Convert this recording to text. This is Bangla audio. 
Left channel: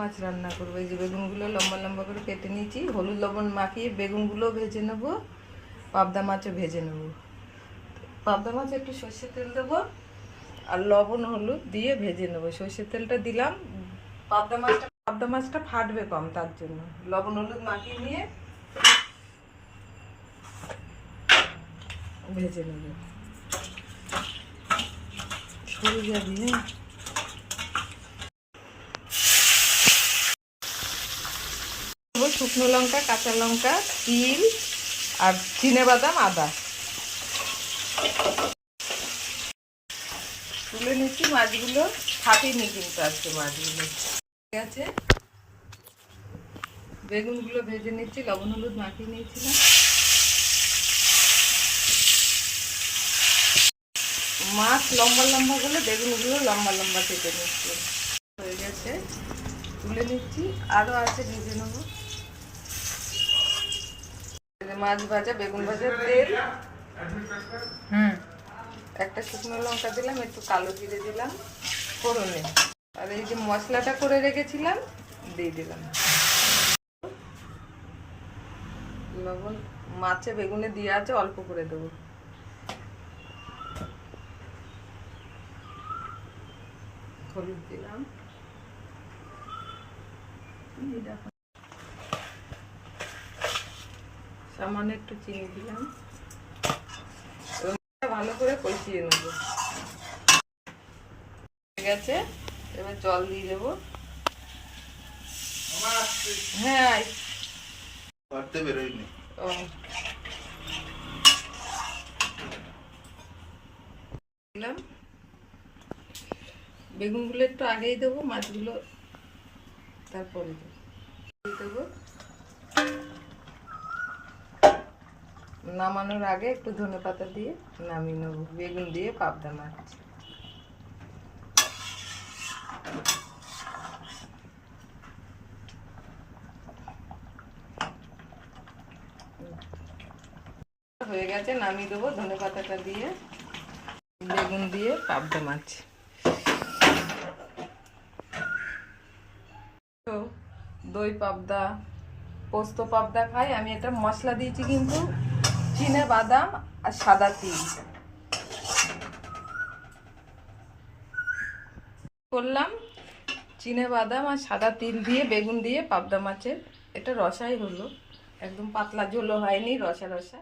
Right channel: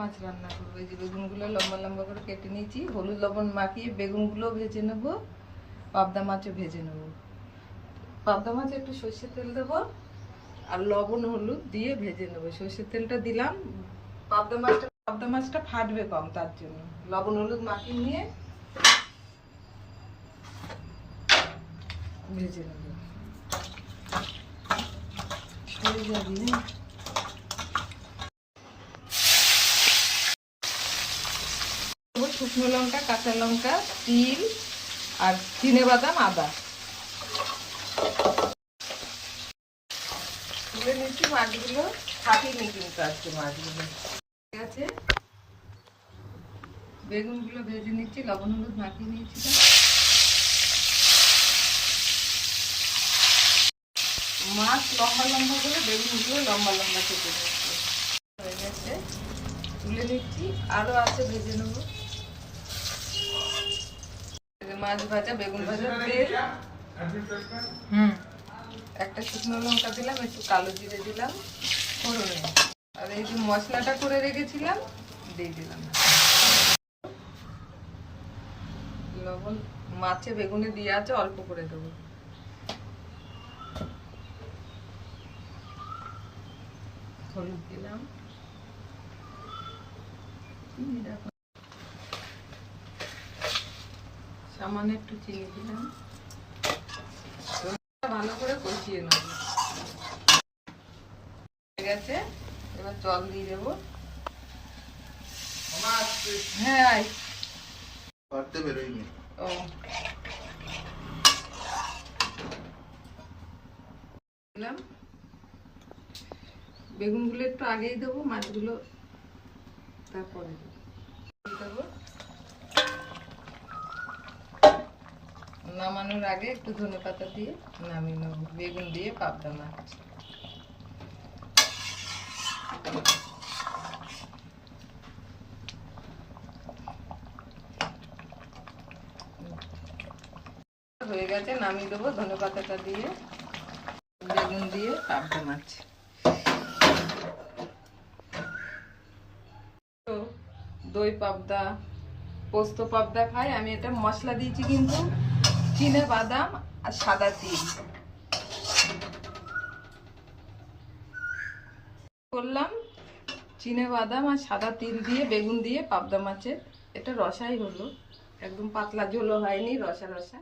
মাছ রান্না করবো। এই যে বেগুনগুলো লম্বা লম্বা করে কেটে নিয়েছি, হলুদ লবণ মাখিয়ে বেগুনগুলো ভেজে নেবো, পাবদা মাছও ভেজে নেবো। পাবদা মাছে একটু সর্ষের তেল দেবো আর লবণ হলুদ দিয়ে ভেজে নেবো। সর্ষের তেলটা দিলাম, পাবদা মাছটা ফাটবে কম, তার জন্য লবণ হলুদ মাখিয়ে নিয়ে ভেজে নেবো। শুকনো লঙ্কা, কাঁচা লঙ্কা, তিল আর চিনেবাদাম, আদা তুলে নিচ্ছি। মাছগুলো ফাটিনি কিন্তু আজকে মাছগুলো ঠিক আছে। বেগুনগুলো ভেজে নিচ্ছি, লবণ হলুদ মাখিয়ে নিয়েছিলাম। মাছ লম্বা লম্বা করে, বেগুনগুলো লম্বা লম্বা কেটে নিচ্ছি। হয়ে গেছে, তুলে নিচ্ছি। আরও আছে, ভেজে নেবো। মাছ ভাজা, বেগুন ভাজা, তেল, একটা শুকনো লঙ্কা দিলাম, একটু কালো জিরে দিলাম ফোড়নে, আর এই যে মশলাটা করে রেখেছিলাম দিয়ে দিলাম। লবণ মাছে বেগুনে দিয়ে আছে, অল্প করে দেবো। হলুদ দিলাম, সামান্য একটু চিনি দিলাম। ভালো করে কষিয়ে নেবো। ঠিক আছে, এবার জল দিয়ে দেবো। হ্যাঁ, দিলাম। বেগুনগুলো একটু আগেই দেবো, মাছগুলো তারপরে দেবো। নামানোর আগে একটু ধনেপাতা দিয়ে নামিয়ে নেবো। বেগুন দিয়ে পাবদা মাছ। হয়ে গেছে, নামিয়ে দেবো ধনেপাতাটা দিয়ে। বেগুন দিয়ে পাবদা মাছ। দই পাবদা, পোস্ত পাবদা খাই আমি। এটা মশলা দিয়েছি কিন্তু চিনে বাদাম আর সাদা তিল করলাম। চিনে বাদাম আর সাদা তিল দিয়ে বেগুন দিয়ে পাবদা মাছের এটা রসাই হলো, একদম পাতলা ঝোলও হয়নি, রসা রসা।